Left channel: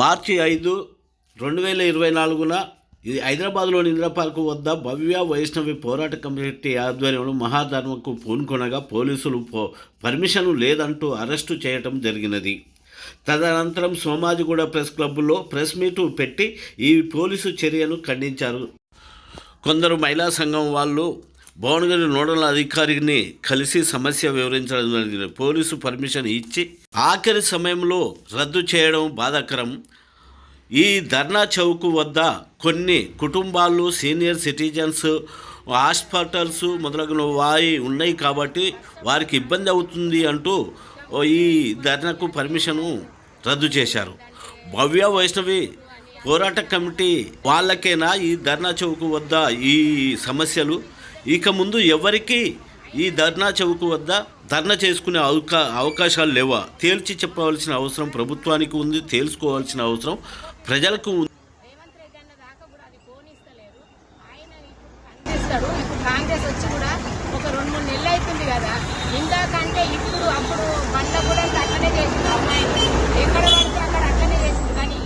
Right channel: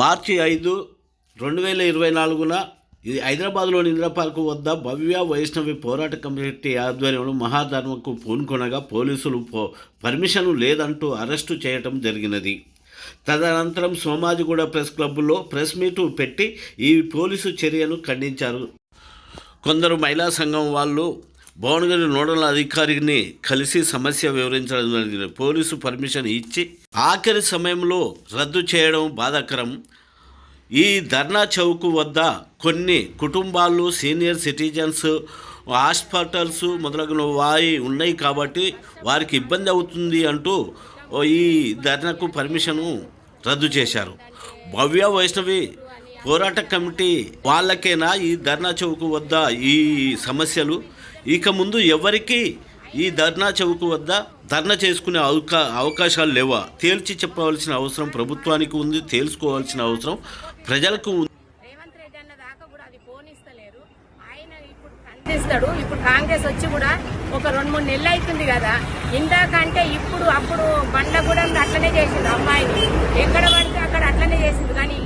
మార్చి 5, 2024 హైదరాబాద్లోని ఇంద్రపార్కు వద్ద భవ్య వైష్ణవి పోరాట కమిటీ ఆధ్వర్యంలో మహాధర్మకు పూనుకొనగా పోలీసులు పర్మిషన్ లేదంటూ అరెస్టు చేయటం జరిగినది. తదనంతరం సోమాజిగూడ ప్రెస్ క్లబ్లో ప్రెస్ మీటు పెట్టి ఈ పోలీసు చర్యను ఖండించారు. కొందరు మహిళా సంఘం వాళ్ళు భువనగిరి నోడల్ అధికారిని కలిసి సమస్య వివరించడం జరిగింది. పోలీసు పర్మిషన్ ఇచ్చి ఆఖరి సమయంలో రద్దు చేయడం బాధాకరం. ఈ ధర్నా చౌక్ వద్ద కొన్ని కుటుంబాలు, సీనియర్ సిటిజన్స్, హాస్పిటల్స్ మొదలగునవి ఉన్నాయి కాబట్టి వారికి ఇబ్బంది అవుతుంది అంటూ ఈ ధర్నాకు పర్మిషను రద్దు చేశారు. భవ్య వైష్ణవి పోరాట కమిటీ వాళ్ళకేనా ఈ ధర్నా చౌక్ వద్ద ఈ సమస్యలు? ఇక ముందు ఎవరికి ఈ ధర్నా చౌక్ వద్ద ధర్నా చేసుకునే అవకాశాలు లేవా? తేల్చి చెప్పవలసిన అవసరం ప్రభుత్వానికి ఉంది, తెలుసుకోవాల్సిన అవసరం ప్రజలకు ఉంది. రేవంత్ రెడ్డి అన్న దాకా కూడా అది పోనిస్తలేరు. ఆయన ఇప్పుడు ఖండిస్తాడు. ఇప్పుడు కాంగ్రెస్ వచ్చి కూడా ఒక 2-3 నెలలు అవుతుంది కదా. ఇందాకంటే అప్పుడు బండ్లగూడెంలో అట్లనే చేసింది, అమ్మాయిని ఎక్కడ పడితే అక్కడ అట్లనే చేసింది. కానీ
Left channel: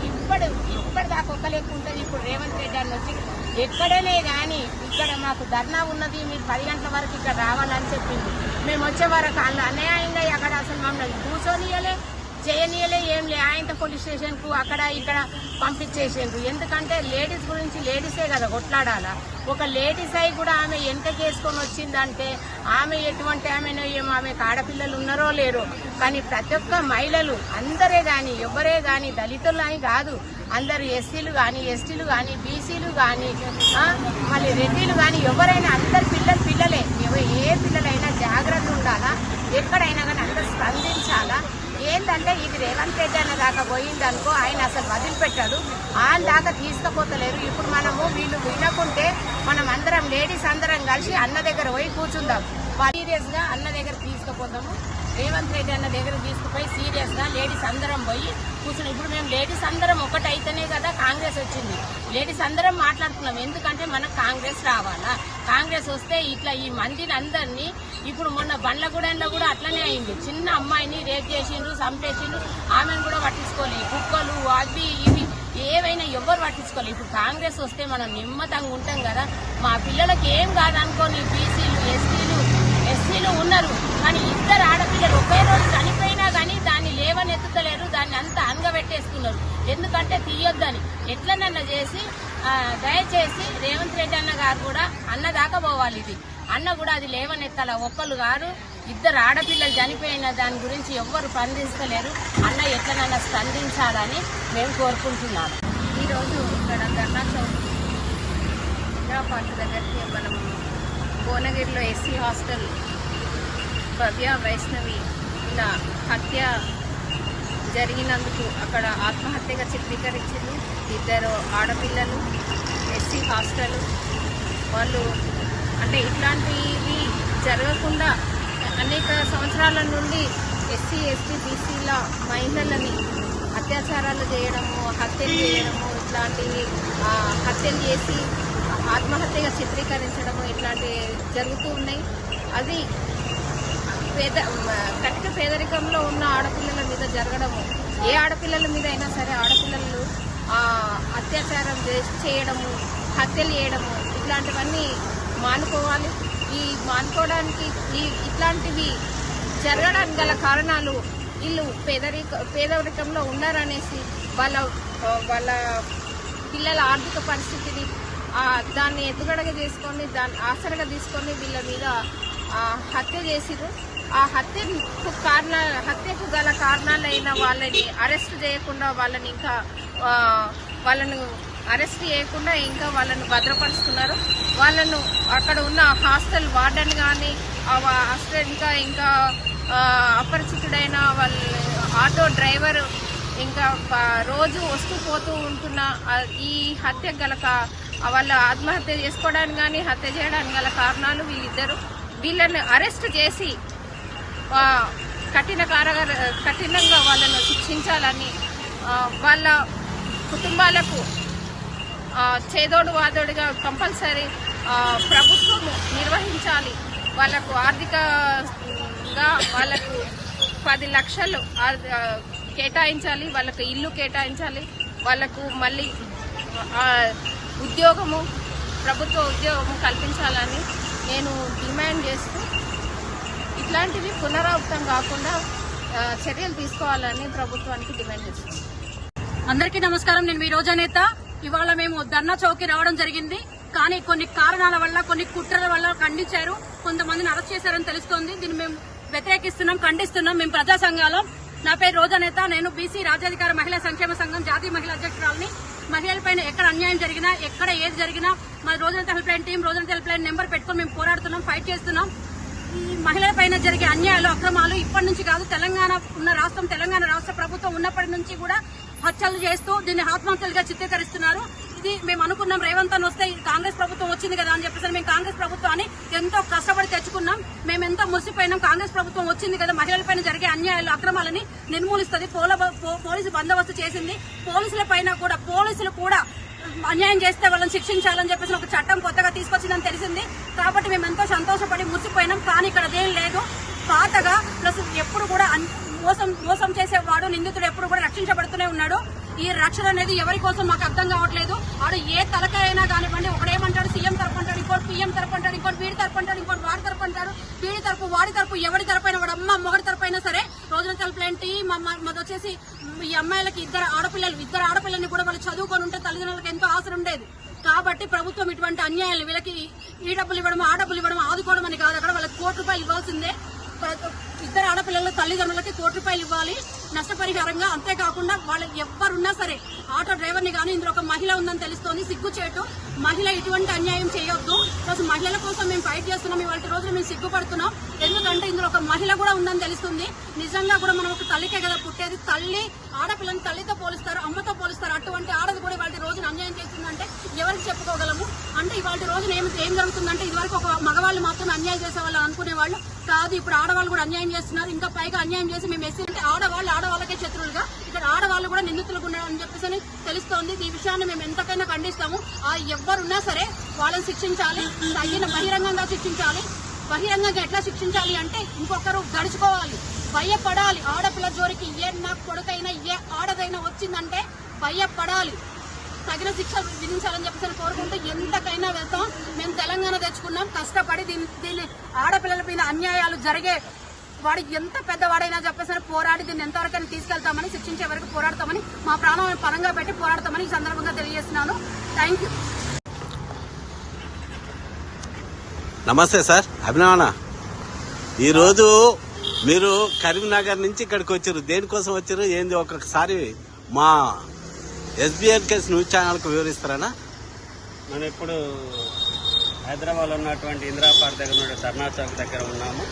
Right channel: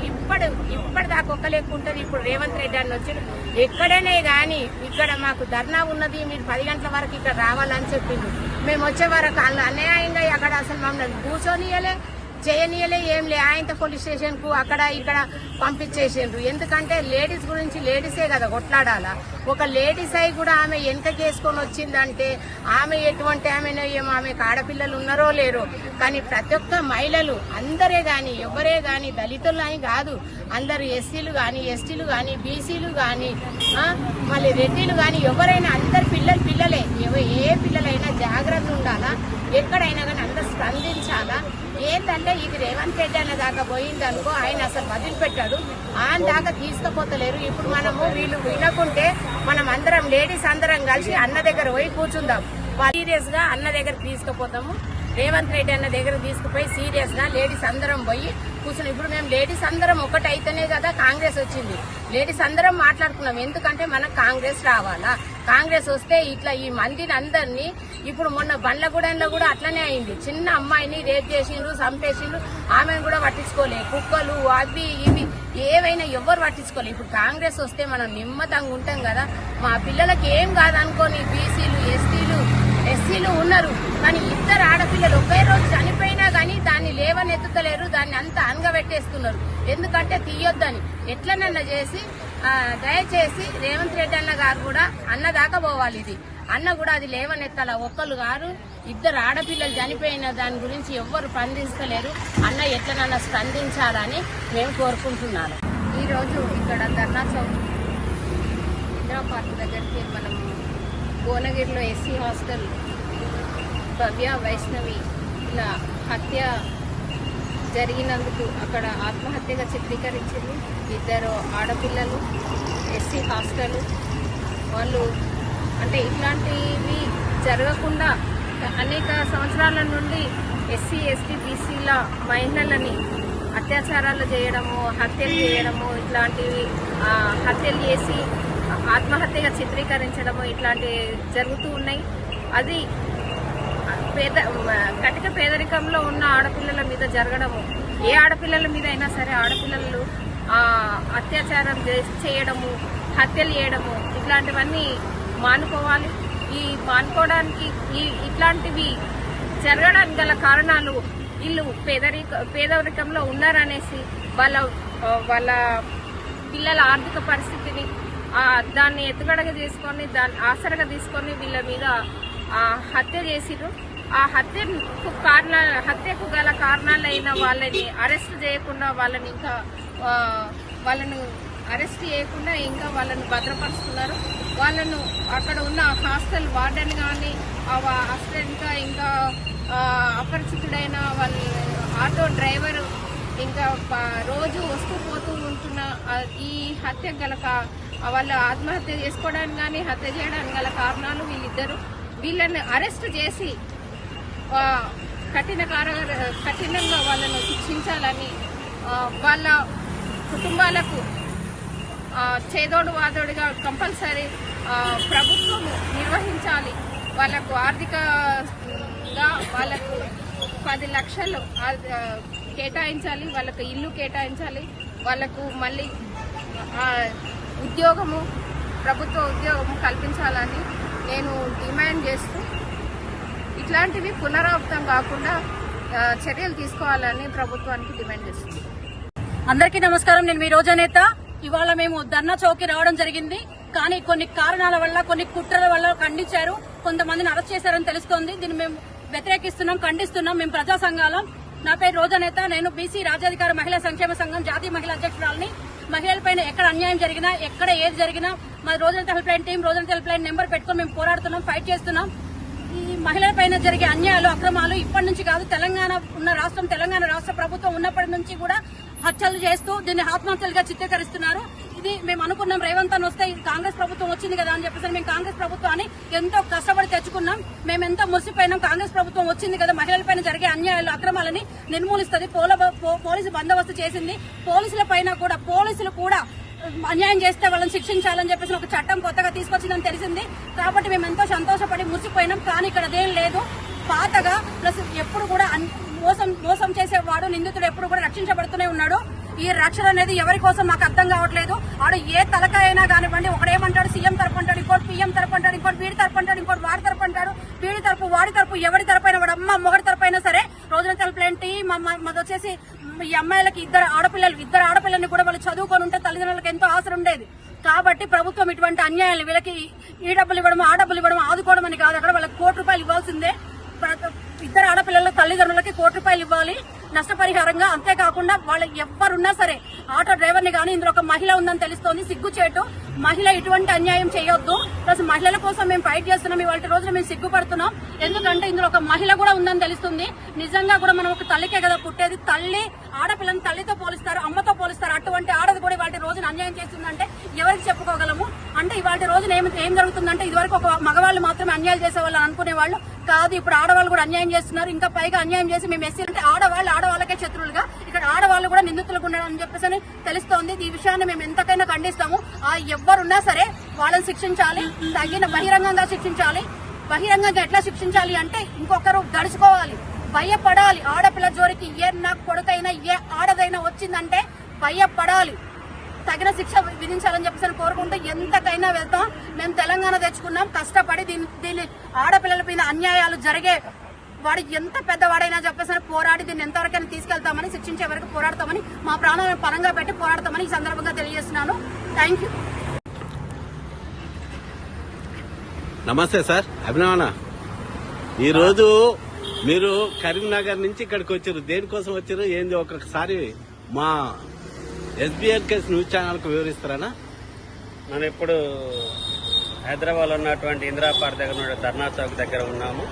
ఇప్పటిదాకా ఒక్క లెక్క ఉంటుంది. ఇప్పుడు రేవంత్ రెడ్డి అని వచ్చి ఎక్కడనే కానీ ఇక్కడ మాకు ధర్నా ఉన్నది, మీరు 10 గంటల వరకు ఇక్కడ రావాలని చెప్పింది. మేము వచ్చే వరకు అన్యాయంగా అక్కడ అసలు మమ్మల్ని కూర్చొనియలే, చేయనీయలే, ఏం లే. ఆయనతో పోలీస్ స్టేషన్కు అక్కడ ఇక్కడ పంపించేసిండ్రు. ఎందుకంటే లేడీస్ గురించి లేడీసే కదా కొట్లాడాలా. ఒక లేడీస్ అయి కూడా ఆమె వెనకకేసుకొని వచ్చిందంటే ఆమె ఎటువంటి ఆమెనో ఏమో, ఆమెకు ఆడపిల్లలు ఉన్నారో లేరో. కానీ ప్రతి ఒక్క మహిళలు అందరే కానీ ఎవరే కానీ దళితులు అని కాదు, అందరు ఎస్సీలు కానీ ఎస్టీలు కానీ బీసీలు కానీ మళ్ళీ రెడ్డిలు కానీ ఎవరైనా అందరు పిల్లలే. ఏ పిల్లలైనా జాగ్రత్త ఉండాలా, ఎక్కడైనా కానీ అందరు స్పందించాలా. ఏంటంటే ఇది రేవంత్ రెడ్డి అనే దాకా పోయిందనుకో, ఆయన అసలు వదిలిపెట్టాడు. ఆయన దాకా తీసుకుపోతలేరు. ఇప్పుడు వీళ్ళు వినకుంటే మనం అందరం లేడీస్ అందరం కలిసి అన్న దగ్గర పోయి కూర్చుందాం. సీరియస్ గా అన్న దగ్గర తీసుకుపోతాము. రేవంత్ రెడ్డి అన్న దగ్గర తీసుకుపోయి సీరియస్ గా లేడీస్ అందరం పోయి కూర్చున్నాం. ఇప్పుడు మేము లేడీస్ అందరం ఒకటైతేనే కదా కాంగ్రెస్ వచ్చింది. లేడీస్ అందరం మాట్లాడుకున్నాం. ఎందుకంటే మనకు కాంగ్రెస్ రావాలా. కాంగ్రెస్ వస్తే ఇట్లా ఈ మందిని అందరినీ, ఇప్పుడు మొన్న బండ్లగూడెంలో కూడా అట్లనే అయింది. చిన్న అమ్మాయిని రేప్ చేసిండ్రు, చంపేసిండ్రు. ఆమెను కూడా పట్టించుకోలే. కుక్కలు అవి ఇవి ఏవైనా ఎవరు పట్టించుకోలేదు. ఇప్పుడు కాంగ్రెస్ వస్తే మనం నిమ్మతంగా ఉంటాం కదా. మా పిల్లలకి ఏం కాదనుకోని బీసీలు ఎస్సీలు ఉన్నారు. కానీ 2 ఆడపిల్లలు ఒకే రోజు చనిపోయినా కానీ దాన్ని లేవనెత్తుతలేరు, దాన్ని అంతా అనగబెట్టేస్తున్నారు. ఎందుకంటే తీయొద్దని ఎట్లనన్నా చేసి దయచేసి రేవంత్ రెడ్డి అన్న గారు కూడా అన్న దాకా పోవాలి. ఇది అన్న కూడా అది లేవనెత్తాల. ఒక్కరు గారు 2 ఆడపిల్లలు చనిపోయిన దాని గురించి ఎవ్వరు స్పందిస్తలేరు. అన్న ఎట్లనన్నా స్పందించాలని మేము కోరుకుంటున్నాను. ఈరోజు ఇక్కడ ధర్నా చౌక్ ఇందిరా పార్క్ దగ్గరికి మనం భువనగిరిలో ఎస్సీ హాస్టల్ భవ్య వైష్ణవి ఇలా హత్య జరిగినందుకు అక్కడ ఆత్మహత్యగా చిత్రీకరించారు. 2 ఆడపిల్లలు ఎస్సీ హాస్టల్ వాళ్ళు. అంటే ఇట్లాంటివి జరగకుండా అనేక సంవత్సరాల నుండి ఎస్సీ ఎస్టీ బీసీల మహిళలని అత్యాచారాలు చేయడము, హత్యలు చేయడము, ఇట్లాంటివి హత్యలు చేసి ఆత్మహత్యగా చిత్రీకరించడము ఇట్లాంటివి జరుగుతూ ఉన్నాయి. అది కటిక పేదరికంలో ఉన్న ఆడపిల్లల మీద జరగడము, ఏ ఆడపిల్లల మీద అయినా సరే ఆడపిల్లలు అత్యాచారం చేయడము, హత్యలు చేయడము ఇట్లాంటివన్నీ మానుకోవాలి. ఈ మానుకోవడానికి ఇట్లాంటివి జరగడానికి గల కారణాలు వీళ్ళు పేదరికంలో ఉన్నారనేసి వాళ్ళ పిల్లల ఆర్థిక పరిస్థితిని దాన్ని ఎత్తుగడగా చేసుకొని దాన్ని ఆసరగా తీసుకొని వీళ్ళ మీద హత్య చేసిరు. ఆ హత్యకు గల కారణాలైన వాళ్ళని అరెస్ట్ చేయకుండా వాళ్ళను అరెస్ట్ చేయకుండా ఇంకా వాళ్ళని భద్రపరుస్తున్నారు. వాళ్ళను అక్కడ ఉన్న హాస్టల్ వార్డెన్ కానీ ఇంకా అపరిచితుడైన వాళ్ళ ఆటో డ్రైవర్ ఇంకా రోజు వస్తూ పోతూ ఉంటున్న ఈ హత్య గల వాళ్ళ ఆత్మహత్య చేసుకోవడానికి కానీ హత్య చేయడానికి గల కారణాలు వీళ్ళిద్దరు. వీళ్ళని అరెస్ట్ చేసి కఠినంగా వాళ్ళను శిక్షించాలని, వాళ్ళ కుటుంబాలకు చేదోడు వాదోడుగా కంపల్సరీ ప్రభుత్వము నిర్వహించాలి. వాళ్ళకు ఆర్థికంగా వాళ్ళకు 10 లక్షలు కేటాయించాలి, వాళ్ళకు ఇల్లు కేటాయించాలి, వాళ్ళకు మళ్ళీ ఉద్యోగము, ప్రభుత్వ ఉద్యోగము కల్పించాలని నేను డిమాండ్ చేస్తూ ఇట్లాంటివి పునరావృతం కాకుండా చర్యలు తీసుకోవాలని ప్రభుత్వానికి డిమాండ్ చేస్తున్నాను. అందరికీ నమస్కారం. నేను మీ రోజా నేత. ఇవాళ మేము ధర్నా చౌక్కి రావడం జరిగింది. కానీ కొన్ని కారణాల వల్ల, కొన్ని కుట్రల వల్ల ఖండించారు, కొంతమందిని అరెస్ట్ చేశారని తెలుస్తోంది. దీన్ని మేము వ్యతిరేకిస్తున్నాం, ఖండిస్తున్నాం. మేము ప్రజా సంఘాలం. నా పేరు రోజా నేత. నేను బీసీ రాజ్యాధికార మహిళా సంక్షేమ సంఘం జాతీయ మహిళా అధ్యక్షురాలని. మహిళలపైన ఎక్కడ అన్యాయం జరిగినా, ఎక్కడ ఏది జరిగినా మా రోజంతా హెల్ప్ లైన్ టీం, రోజంతా హెల్ప్ లైన్ నెంబర్ పెట్టుకుని మేము పోరాడుతున్నాం, ఫైట్ చేస్తున్నాం. ఈ మహిళలపైన జరిగే అన్యాయాలు, అక్రమాలు ఇప్పటి నుంచి కాదు, తెలంగాణ రాష్ట్ర ప్రభుత్వం ఉన్నప్పటి నుంచి కూడా హత్యలు చేస్తూ దీన్ని ఆత్మహత్యలుగా చిత్రీకరిస్తున్నారు. ఇది మేము అనుకున్నాం, రేవంత్ అని వస్తే కాంగ్రెస్ ప్రభుత్వం వచ్చింది కదా అని చెప్పేసి మేము కాంగ్రెస్ ప్రభుత్వాన్ని ఎంతో కష్టపడి తెచ్చుకున్నాం. మేము ఎంతో మురిసిపోయినాం. కాంగ్రెస్ ప్రభుత్వం వచ్చింది కదా, మహిళలపైన జరిగే అన్యాయాలు, అక్రమాలని నిర్మూలిస్తుంది, పోలీసు బందోబస్తు చేసింది. పోలీసులు కూడా అన్యాయం చేస్తే వాళ్ళని శిక్షించాలని చెప్పేసి ఒక చట్టం కొత్తగా తీసుకొచ్చిందని తెలిసింది. కాబట్టి మేము ఎంతో సంతోషపడి మురిసిపోయినాం. కానీ ఇక్కడ అదేం లేదు. పాతగా ప్లస్ ఎప్పుడు కూడా మోసం చేసేవాడు, నిందితుడు ఎప్పుడు కూడా రక్షించబడుతూనే ఉన్నాడు. ఈ రక్షణ అనేది ఎవరి కోసం నాకు అర్థం కావట్లేదు. వాడు ఏ తలకాయ అయినా కానివ్వండి, ఒకడేమంటాడు సీఎం తరపు అంటాడు, ఇంకోటి పీఎం తరపు అంటాడు, ఇంకోటి వీడి తరపు అంటాడు, ఇంకోటి వాడి తరపు అంటాడు, వీడి తరపు వాడి తరపు, ఎవరి తరపైన వాడు అమ్మ మొగడి తరపైనా సరే. రోజున తరపులేంటి మాది వచ్చేసి ఈ అమ్మాయిలకి ఇద్దరు ఆడపిల్లల్ని కూడా వాళ్ళు చదువుకొని ఉంటే తల్లిదండ్రులకు ఎంతో ఆశ ఉండేది. కాబట్టి ప్రభుత్వం ఇటువంటి అన్యాయాలు, వీళ్ళకి ఈ డబ్బులు ఇవ్వడం, ఆ డబ్బులు ఇవ్వడం, ఆదుకోవడం అని కాదు. అక్కడ వాళ్ళకి ₹1,00,00,000 ఇవ్వాల్సిందే. ఇద్దరు ఆడపిల్లల తల్లిదండ్రులకి ₹1,00,00,000 ఇవ్వాలి నష్టపరిహారంగా. అంతేకాకుండా వాళ్ళు ఎవ్వరున్నా సరే, ఆటో డ్రైవర్ని కానీ, ఇందులో ఒక మహిళ ఉందని తెలుస్తోంది, సిగ్గుచేటు. మహిళ ఇటువంటి అన్యాయం చేయొద్దు. ప్లస్ మహిళల కోసం మేము ఫైట్ చేస్తున్నాం. ఇవాళ రోజున మేము సిగ్గుపడుతున్నాం. ఎందుకంటే ఇందులో ఒక మహిళ కూడా ఉందని తెలుస్తుంది. నిజంగా కూడా మనం ఒక తల్లికే కదా పుట్టేది. తల్లి ఆడపిల్లని తల్లితో పోలిస్తారు, అమ్మతో పోలిస్తారు. అటువంటి ఆడది కూడా ఇవాళ రోజున అన్యాయం చేస్తుందంటే ఎవరికి చెప్పుకోగలము? అంటే ఇవాళ రోజున ఏం జరుగుతుందంటే, ఇదివరకు ఒక మగవాళ్ళు మాత్రమే అన్యాయం చేసేవాళ్ళు అనుకునేవాళ్ళు కాదు. ఇప్పుడు ఆడవాళ్ళు కూడా అన్యాయం చేస్తున్నారు. ఇంకా పైగా అన్యాయం చేసి మేము ఎస్సీ అంటే ఆడవాళ్ళకే శత్రువులుగా, ఇక్కడ ఆడవాళ్ళు కూడా నిందితులుగా ఉన్నారని చెప్పేసి తెలుస్తోంది. ఈ విషయాన్ని మేము ఎంతకైనా ఖండిస్తాము. ఎవరున్నా సరే వాళ్ళని శిక్షించాలి, బహిరంగంగా శిక్షించాలి. బహిరంగంగా ఎట్లా శిక్షించాలి అంటే, ఇంకొకరు గడుచుకోవాలి, భయపడాలి. ఆడపిల్ల జోరికి నా కొడుకైనా ఏ ఆడదైనా వచ్చిందంటే భయపడాలి. తగిన శిక్ష విధించాలని చెప్పేసి కోరుకుంటూ ఎంతకైనా వెళ్తాం. మేము తెలంగాణ తెచ్చుకున్నాం కష్టపడి. దీన్ని ఆడపిల్లల పైన అన్యాయాలు జరిగే వాడు ఎంత పెద్దవాడైనా చెప్పేసి పోరాడి దీన్ని ఎంతవరకైనా తీసుకెళ్తామని, శిక్షించే వరకు పోరాడతామని, మా ప్రాణాలను పరంగా పెట్టి పోరాడతామని ఈ సందర్భంగా తెలియజేస్తున్నాను. Thank you. నమస్తే సార్, అభినవన. ఈరోజు మీరు కరీంనగర్ నుంచి ఇక్కడికి వచ్చారు. దేనికోసం వచ్చారు, ఏంది ఒక్కొక్కసారి మా SBNK న్యూస్ ఛానల్కు వివరిస్తారా? మనం ఇప్పుడు హైదరాబాద్లో ఉన్నటువంటి ఇందిరా పార్క్ దగ్గర ఉన్న ధర్నా చౌక్ దగ్గర ఉన్నాము.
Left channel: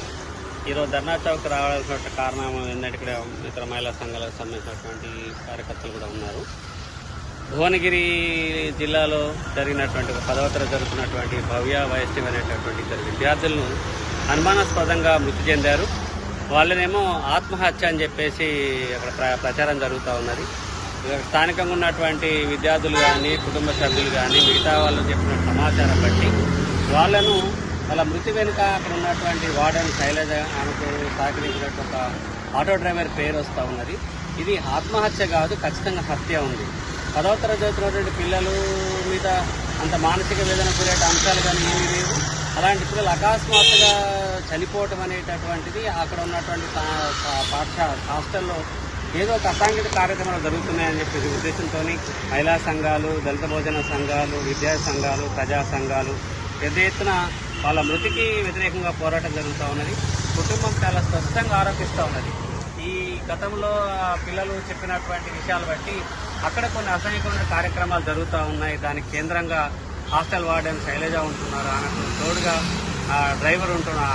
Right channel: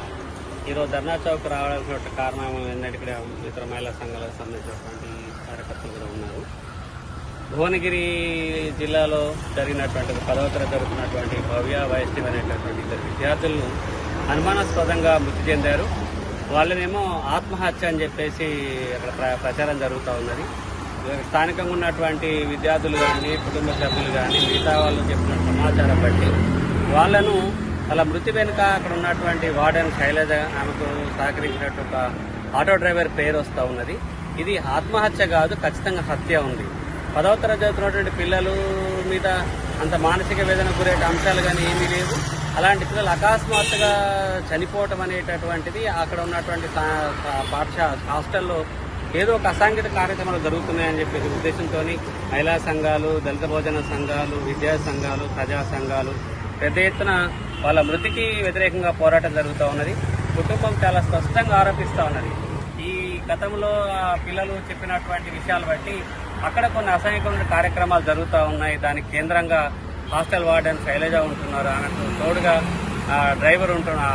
ఈరోజు ధర్నా చౌక్ రావాల్సిన కారణం ఏంటంటే, ఇక్కడ ఇతర మహిళా సంఘాలకు సంబంధించినటువంటి కార్యకర్తలు కూడా ఉన్నారు. భువనగిరి జిల్లాలో జరిగినటువంటి 10వ తరగతి జరుగుతున్నటువంటి భవ్య వైష్ణవి అనేటటువంటి ఇద్దరు విద్యార్థులను అనుమానాస్పదంగా మృతి చెందారు. వాళ్ళనేమో ఆత్మహత్య అని చెప్పేసి అక్కడ ప్రచారం జరుగుతూ ఉన్నది. స్థానికంగా ఉన్నటువంటి విద్యార్థులు కానీ, కుటుంబ సభ్యులు కానీ, మిగతా వాళ్ళు చెప్పిన సమాచారం బట్టి వాళ్ళ మృతి వెనుక అక్కడ ఉన్నటువంటి వార్డెన్ శైలజ, ఆమెకు సహకరించినట్టు ఒక ఆటో డ్రైవర్ పేరు వస్తూ ఉన్నది. ఇది ఆత్మహత్య కాదు, ఖచ్చితంగా హత్య ఉంది. 10వ తరగతి చదువుతున్నటువంటి పిల్లలు మీద అంత మానసిక వేదన గురే అంశాలు కానీ ఏమీ లేవు. అలాంటి పిల్లలు అకస్మాత్తుగా చనిపోవటం అనేటటువంటిది అక్కడ ఉన్నటువంటి హాస్టల్లో ఏదో ఒక అసాంఘిక కార్యక్రమాలు జరుగుతున్నాయని చెప్పేసి ఉద్దేశంతో మహిళా సంఘాలు, దళిత భోజన సంఘాలు, విద్యా సంఘాలు, ప్రజా సంఘాలు పెద్ద ఎత్తున వాళ్ళ మృతికి వ్యతిరేకంగా పోరాటం జరుగుతూ ఉన్నది. కుటుంబం చాలా స్పష్టంగా ఆరోపిస్తూ ఉన్నది. ఈ గతంలో పిల్లలు చెప్పినటువంటి విషయాలు బట్టి అక్కడ కొన్ని అసహ్యకరమైన కార్యక్రమాలు జరుగుతూ ఉన్నాయి. దానికి కేంద్రంగా హాస్టల్ వార్డెన్ శైలజ ఉంటున్నారు, ఆమెకు తోడుగా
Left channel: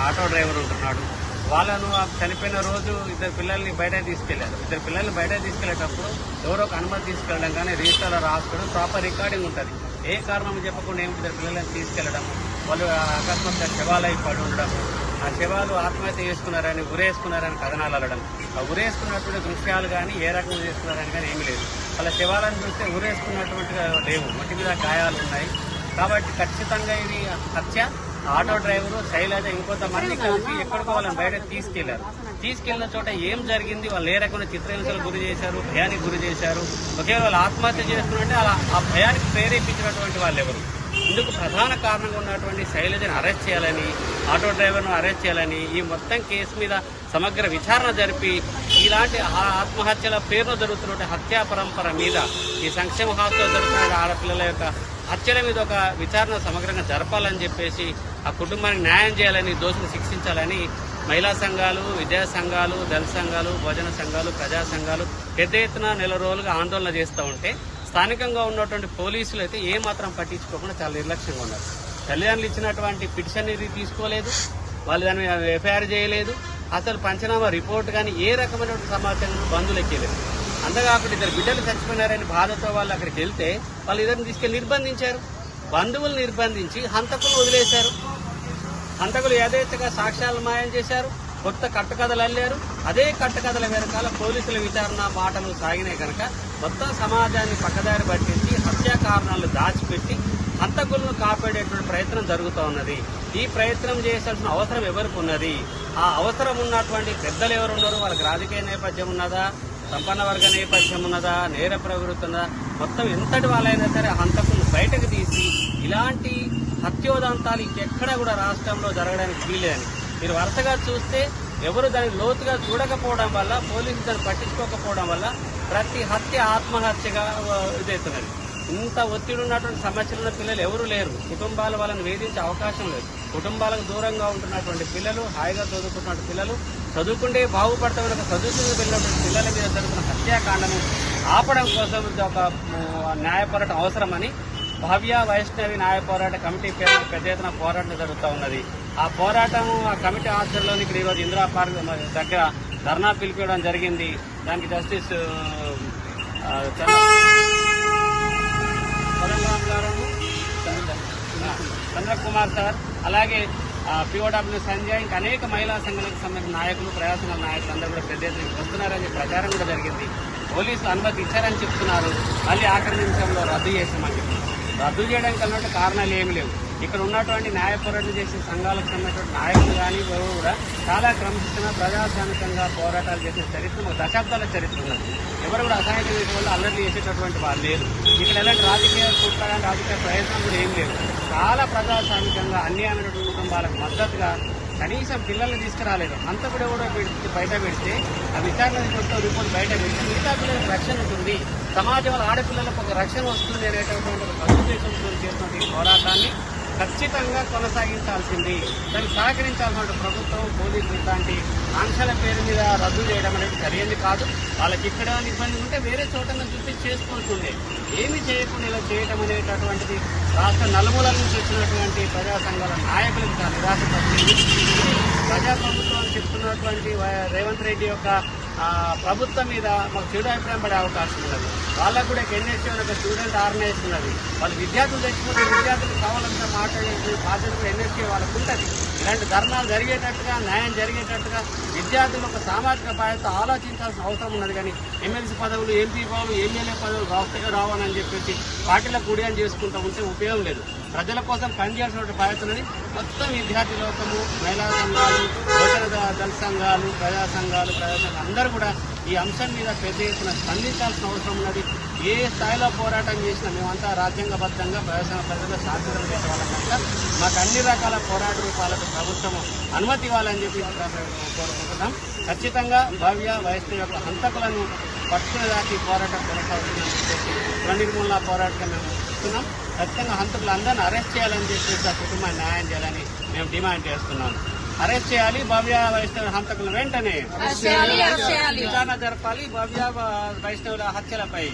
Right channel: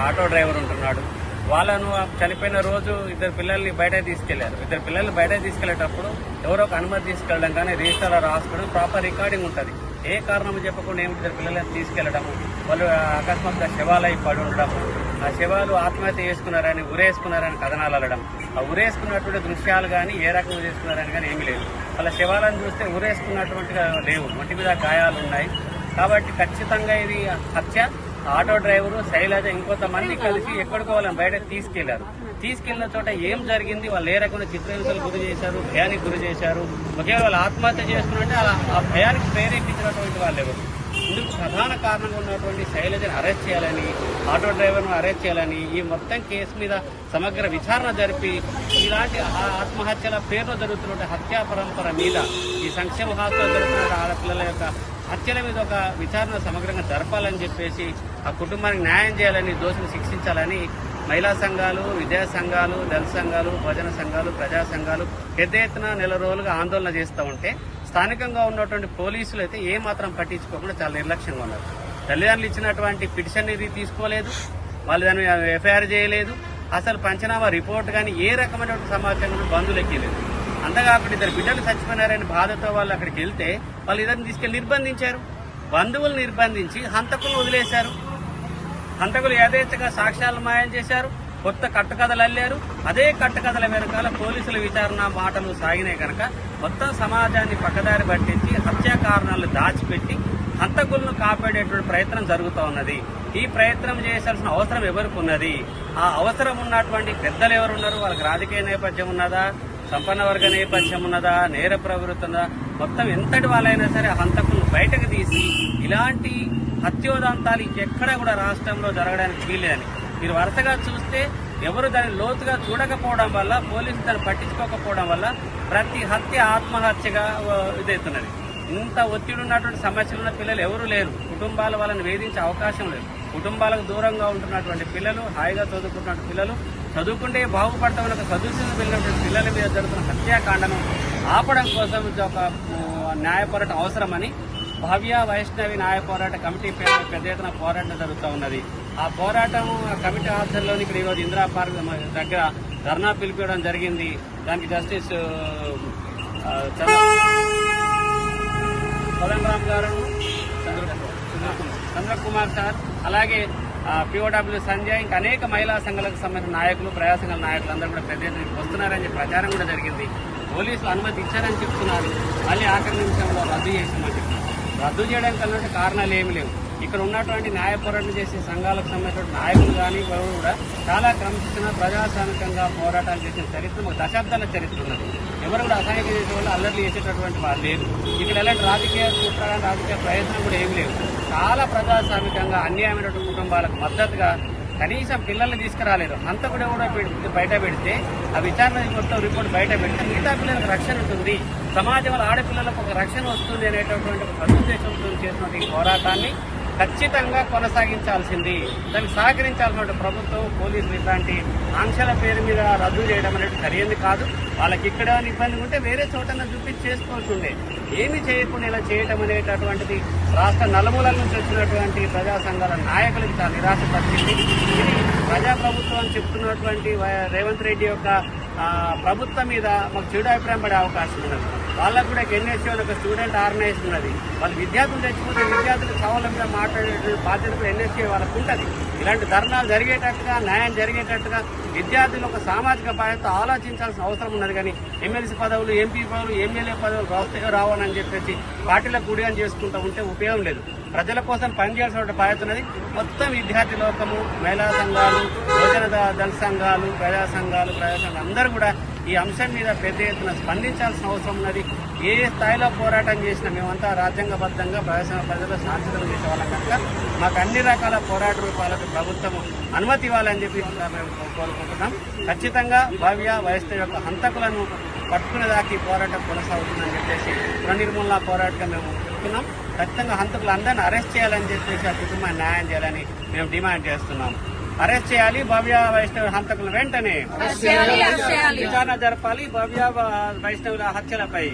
ఆటో డ్రైవర్ ఉంటున్నాడు. వాళ్ళను చనిపోయిన రోజు ఇద్దరు పిల్లల్ని బయట తీసుకెళ్లారు. ఇద్దరు పిల్లల్ని బయట తీసుకెళ్లేటప్పుడు ఎవరో ఒక అనుమతి తీసుకెళ్లడం కానీ, రిజిస్టర్లో రాసుకోవడం, ప్రాపర్ రికార్డింగ్ ఉంటుంది. ఏ కారణం చెప్పకుండా ఏమిటి ఇద్దరు పిల్లల్ని తీసుకెళ్లడము, వాళ్ళు అకస్మాత్తుగా శవాలై పడి ఉండడము, ఆ శవాలు ఆత్మహత్య చేసుకున్నారని, ఉరేసుకున్నారని కథనాలు అల్లడం. ఆ ఉరేసుకున్నటువంటి దృశ్యాలు కానీ, ఏ రకంగా చేసుకున్నారని కానీ ఏమీ లేదు. వాళ్ళ శవాలను చూస్తే ఉరేసుకున్నటువంటిగా లేవు, ఒంటి మీద గాయాలు ఉన్నాయి. కాబట్టి ఖచ్చితంగా ఇది హత్య. ఆటో డ్రైవరు శైలజ ఇంకొంతమంది కలిసి ఎక్కడికో వాళ్ళని బయటకు తీసుకెళ్లారు. తీసుకెళ్లిన చోట ఏం జరిగింది, వాళ్ళు ఏ రకమైన చిత్రహింసలు గురి చేశారు, భయానికి గురి చేశారు, ఒకే వాళ్ళు ఆత్మహత్య చేసుకున్నట్టు ఆ భయానికి ప్రేరేపించినటువంటి వాళ్ళు ఎవరు? ఇందుకు ప్రధాన కారణంగా ఉన్నటువంటి శైలజను అరెస్ట్ చేయాలని, ఆటో డ్రైవర్ను అరెస్ట్ చేయాలని, ఈ మొత్తం కేసు మీద సమగ్ర విచారణ జరిపి ఇలాంటి ఆత్మహత్యల పేరులో జరుగుతున్న హత్యా పరంపర మీద, ఈ సంక్షేమ హాస్టల్లో జరుగుతున్న ఆడపిల్లల యొక్క హత్యల మీద ఒక విచారణ సమగ్రంగా జరపాలని చెప్పేసి ఆ కుటుంబానికి న్యాయం చేయాలని, దోషులు శిక్షించాలని మహిళా సంఘాలు, విద్యా సంఘాలు, దళిత సంఘాలు, భోజన సంఘాలు, ప్రజా సంఘాలు పెద్ద ఎత్తున నెల రోజులుగా ఆందోళన చేస్తూ ఉంటే స్థానికంగా ఉన్నటువంటి పోలీసులు అయితే ఏమాత్రం పట్టించుకోకుండా చాలా నిర్లక్ష్యంగా ఉన్నారు. తల్లిదండ్రులు ఇచ్చినటువంటి పిటిషన్ ఇది తీసుకోలేదు, వాళ్ళు దాన్ని ఎఫ్ఐఆర్ చేయలేదు, అసలు పంచనామా రిపోర్ట్ కానీ ఏ రకమైనటువంటి సమాచారం బంధువులు ఎక్కలేదు. అంతేకాకుండా ఇద్దరు బిడ్డలు చచ్చిపోయినారని బాధతో వాళ్ళు అక్కడికి వెళ్తే వాళ్ళు ఇద్దరిని తీసుకెళ్లి నిర్బంధించారు. బంధువులు నిర్బంధించి హంతకులు వదిలేశారు. హంతకులు యథేచ్ఛగా సాక్ష్యాలు మాయం చేశారు, కొత్త కట్టుకథలు అల్లారు. అదే కట్టుకథల వెనకాల పోలీసుల విచారణ మాటలు సాగినాయి కనుక మొత్తం సమాజాన్ని పక్కదారి పట్టించి హత్యా కారణాలను దాచిపెట్టి హంతకులను కాపాడేటువంటి ప్రయత్నం జరుగుతూ ఉన్నది. ఈ ప్రయత్నం చేయాల్సిన అవసరం ఎవరికి ఉన్నది? ఆ అవసరం ఉన్నటువంటి పెద్దలు ఎవరున్నారు? వాళ్ళకి రాజకీయ నేపథ్యం ఉన్నదా, సంపన్న వర్గ నేపథ్యం ఉన్నదా, నేర ప్రవృత్తి ఉన్నదా? మొత్తం ఎంతటి వాళ్ళైనా సరే హంతకులను బయటకు తీసి ఇలాంటి హత్యోదంతాలు ఇంకెక్కడా కూడా రాష్ట్రంలో జరగడానికి వీలేదని మీరు వరుసగా చూస్తే ఎవరు దాన్ని లోతుగా చూడకపోవడం వల్ల, పోలీసులు దాన్ని పట్టించుకోకపోవడం వల్ల ప్రతి హత్య ఆత్మహత్యగా ఇదవుతున్నది. ఇంత ఒత్తిడి ఉన్నటువంటి సమస్యలున్న పిల్లలు ఎవరు లేరు. కుటుంబాలు వాళ్ళని వేధించే అవకాశం లేదు. కుటుంబాలకు దూరంగా ఉంటున్నటువంటి పిల్లలు, హాయిగా చదువుకుంటున్న పిల్లలు, చదువుకుంటే బాగుపడతామని చదువుకుంటూ వెళ్ళినటువంటి పిల్లల మీద జరుగుతున్న హత్యాకాండను ఆపడం కోసం ఒక న్యాయ పోరాటం అవసరమని భవ్య వైష్ణవి న్యాయ పోరాట కమిటీ పేరు పెద్ద ఎత్తున పోరాటం జరుగుతూ ఉన్నది. ఆ పోరాటం ఆ సమితి ఆధ్వర్యంలోని ఇప్పుడు ఈరోజు ఇందిరా పార్క్ దగ్గర ధర్నా పిలిపించడం జరిగింది. దానికి జస్టిస్ చంద్రరామ్ గారు, చంద్రకుమార్ సార్, అలాగే పిఓడబ్ల్యూ సంజయ్, ఇంకా అనేక మహిళా సంఘాలకు సంబంధించిన నాయకులు, ప్రజా సంఘాల నాయకులు అందరూ కూడా పెద్ద ఎత్తున వస్తున్నారని ప్రచారం కూడా జరిగింది. పోలీసులు అనుమతి ఇచ్చారని చెప్తున్నారు, మళ్ళీ ఆఖరి నిమిషంలో రద్దు చేస్తున్నారు. రద్దు చేయడానికి అన్నట్టు కారణాలు ఏమి లేవు. ఇక్కడ ఉన్నటువంటి న్యాయ పోరాటం చేసే సంఘాలకు సంబంధించిన నాయకులు కానీ ఎవరు కూడా చాలా క్రమశిక్షణ ప్రజాస్వామికంగా పోరాటాలు చేసిన చరిత్ర, దశాబ్దాల చరిత్ర ఉన్నది. ఎవరు కూడా అసహాయం చేసే వాళ్ళు అల్లర్లు చేసేటటువంటి వాళ్ళు లేరు. ఇక్కడ ఎలాంటి రాజకీయ కుట్రగానే రాజకీయ ప్రయత్నం కూడా ఏం లేవు. చాలా ప్రజాస్వామికంగా అన్యాయమైనటువంటి కుటుంబాలకు మద్దతుగా కనీసం పిల్లల్ని తీసుకురాలేదు. అంత కూడా బయట పెడితే ఆ విచారణ మొత్తం రిపోర్ట్ బయట పెడితే మిగతా పిల్లలకు రక్షణ ఉంటుంది, సమాజంలో ఆడపిల్లలకు ఒక రక్షణ వస్తుంది అనేటటువంటి ఒక సదుద్దేశంతో చేస్తున్న ఈ పోరాటాన్ని ఖచ్చితంగా కొనసాగించాల్సింది. దాన్ని సహకరించాల్సిన ప్రభుత్వం, పోలీసులు ఇలాంటి ఆంక్షల పేరు మీద రద్దు చేయడం అనేది సరైనది కాదు. వాళ్ళకి ఇక్కడ ఇబ్బంది ఉంటే వేరే చోటన చూపించి చేసుకోవాల్సిందే. ఏమి చేయకుండా ఇలా చేయటం అనేటటువంటిది రాష్ట్ర నలుమూలల నుంచి వచ్చినటువంటి ప్రజా సంఘాల నాయకులకు చాలా నిరాశపరిచింది. ఇది ప్రజాప్రభుత్వం అని చెప్తున్నటువంటి రేవంత్ రెడ్డి యొక్క ప్రభుత్వం మీద మాకు చెడు అభిప్రాయం పడే అవకాశం ఉన్నది. వాళ్ళకు కూడా ఎన్ఎస్సీ ఒక స్టూడెంట్ ఆర్గనైజ్ ఉన్నది. వాళ్ళు విద్యార్థులు తెచ్చుకుంటే విద్యార్థులు సవాలంతా మాట్లాడే బాధ్యత కూడా ఎన్ఎస్సీ వాళ్ళకు ఉంటుంది. ఇలాంటి ధర్నాలు జరిగేటట్టుగా, న్యాయం జరిగేటట్టుగా విద్యార్థులు ఒక సామాజిక బాధ్యత ఆలోచించాల్సిన అవసరం ఉన్నది. కానీ ఎమ్మెల్సీ పదవులు, ఎంపీ పదవులు, ఎమ్మెల్యే పదవులు రావాలని చెప్పేసి పార్టీలకు గుడిగా చేసుకుంటూ ఉంటే ఉపయోగం లేదు. ప్రజల కోసం పనిచేయాల్సిన బాధ్యత ఉన్నది. మొత్తం విద్యార్థి లోకము, మహిళా సంఘాలు, యువజన దళిత సంఘాలు, ప్రజా సంఘాలు అందరూ కూడా ఈ అంశం మీద పెద్ద ఎత్తున స్పందించాల్సిన అవసరం ఉన్నది. ఏ స్థాయిలో పోరాటం చేసినా మేమంతా రాజ్యాంగబద్ధంగా ప్రజల శాంతియుతంగా చేసేవాళ్ళం కనుక మాకు అన్ని రకాల పోరాట రూపాలకు ప్రభుత్వం అనుమతి ఇవ్వాలని చెప్పి మేము కోరుకుంటున్నాం. ఖచ్చితంగా భవ్య వైష్ణవి యొక్క హంతకులను పట్టుకునేదాకా పోరాటం కొనసాగుతుందని చెప్పేసి నిర్మూలన పోరాటం మేము చెప్తున్నాం. ఖచ్చితంగా హంతకులందరినీ అరెస్ట్ చేయాలని చెప్పేసి ఆ కుటుంబాన్ని న్యాయం చేయాలని మేము డిమాండ్ చేస్తున్నాం. అరెస్ట్ చేయాలి భవ్య వైష్ణవి హంతకులు, వెంటనే విచారణ జరపాలి. భవ్య వైష్ణవుల హత్యలపై